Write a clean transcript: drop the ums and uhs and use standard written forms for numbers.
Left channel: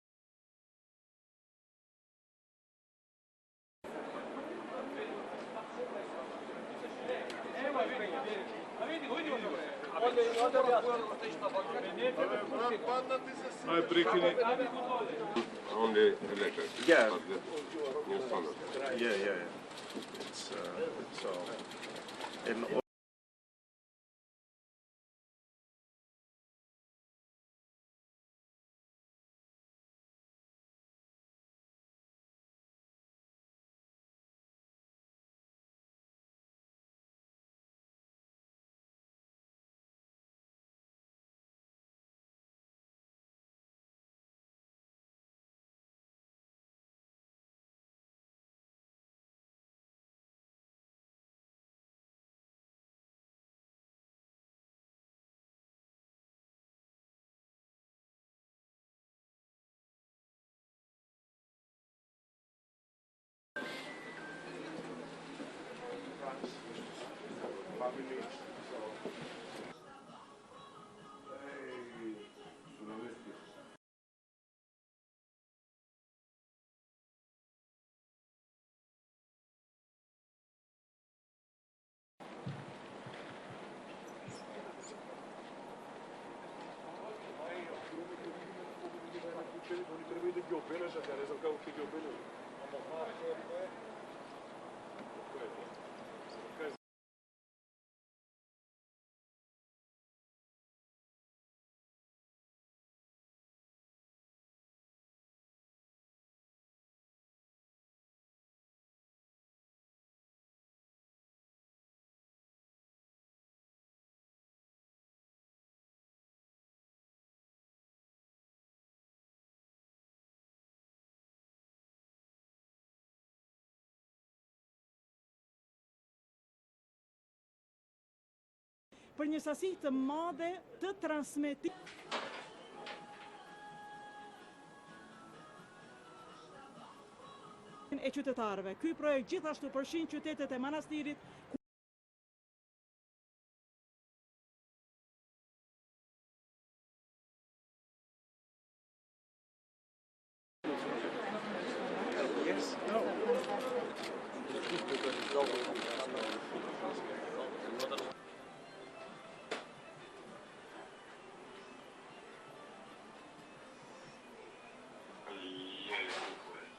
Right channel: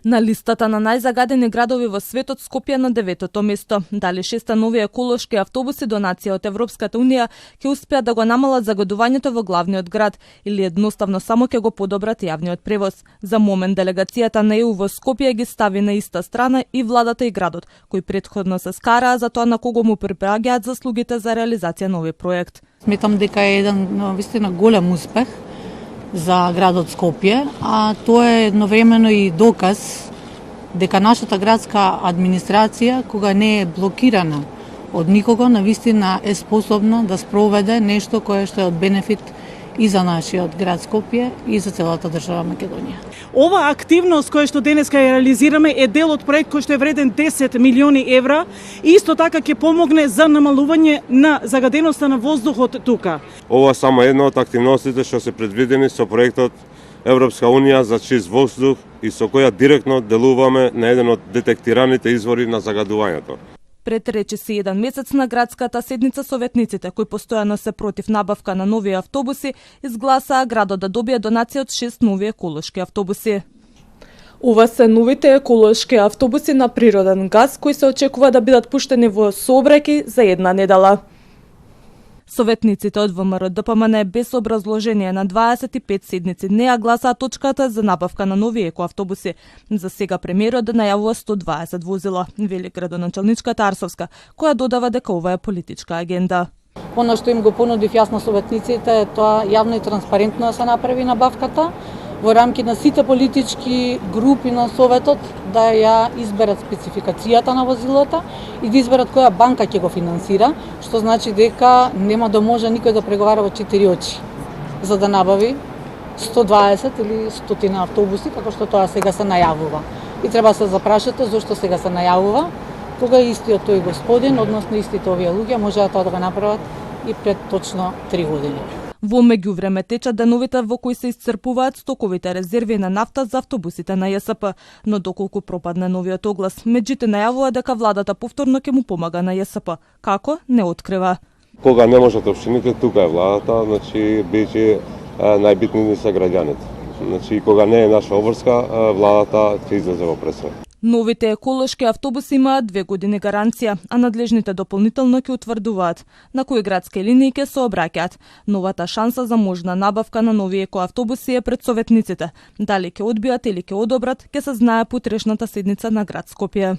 На листата на најзагадени градови во светот Скопје на 9-то место. Дали 6 нови еколошки автобуси донација од Европската унија ќе успеат да го намалат загадувањето во главниот град или едноставно само ќе го подобрат јавниот превоз. За момент делегацијата на ЕУ во Скопје ги стави на иста страна и владата и градот, кои претходно се скараа за тоа на кого му припаѓаат заслугите за реализација на овој проект. Сметам дека е еден вистина голем успех за градот Скопје, а тоа е едновремено и доказ дека нашата градска администрација, кога не е блокирана од никого, навистина е способна да спроведе нешто кое што е од бенефит и за нашиот град Скопје и за целата држава Македонија. Ова активност која што денеска ја реализираме е дел од проект кој што е вреден 10 милиони евра и исто така ќе помогне за намалување на загаденоста на воздухот тука. Ова само една од активностите што се предвидени со проектот Европска унија за чист воздух и со која директно делуваме на еден од детектираните извори на загадувањето. Пред речиси еден месец на градската седница советниците, кои постојано се против набавка на нови автобуси, изгласаа градот да добие донација од 6 нови еколошки автобуси. Ова се новите еколошки автобуси на природен газ кои се очекува да бидат пуштени во сообраќај за една недела. Советниците од ВМРО ДПМН без образложение на 25 седници не ја гласаа точката за набавка на нови екоавтобуси. За сега премиерот најавува 120 возила, вели градоначалничката Арсовска, која додава дека ова е политичка агенда. Оно што им го понудив јас на советниците е тоа јавно и транспарентно да се направи набавката, во рамки на сите политички групи на Советот да ја изберат спецификацијата на возилото и да изберат која банка ќе го финансира, што значи дека нема да може никој да преговара во 4 очи за да набави 120 или 100 автобуси, како што тоа сега се најавува. И треба да се запрашате зошто сега се најавува, кога истиот тој господин, односно истите овие луѓе, можеа тоа да го направат и пред точно 3 години. Во меѓувреме течат деновите во кои се исцрпуваат стоковите резерви на нафта за автобусите на ЈСП, но доколку пропадне новиот оглас, меѓите најавува дека владата повторно ќе му помага на ЈСП. Како? Не открива. Кога не можат општините, тука е владата, значи бидејќи најбитни се граѓаните. Значи кога не е наша обврска, владата ќе излезе во пресвет. Новите еколошки автобуси имаат 2 години гаранција, а надлежните дополнително ќе утврдуваат на кои градски линии ќе се обраќаат. Новата шанса за можна набавка на нови екоавтобуси е пред советниците. Дали ќе одбијат или ќе одобрат, ќе се знае по утрешната седница на град Скопје.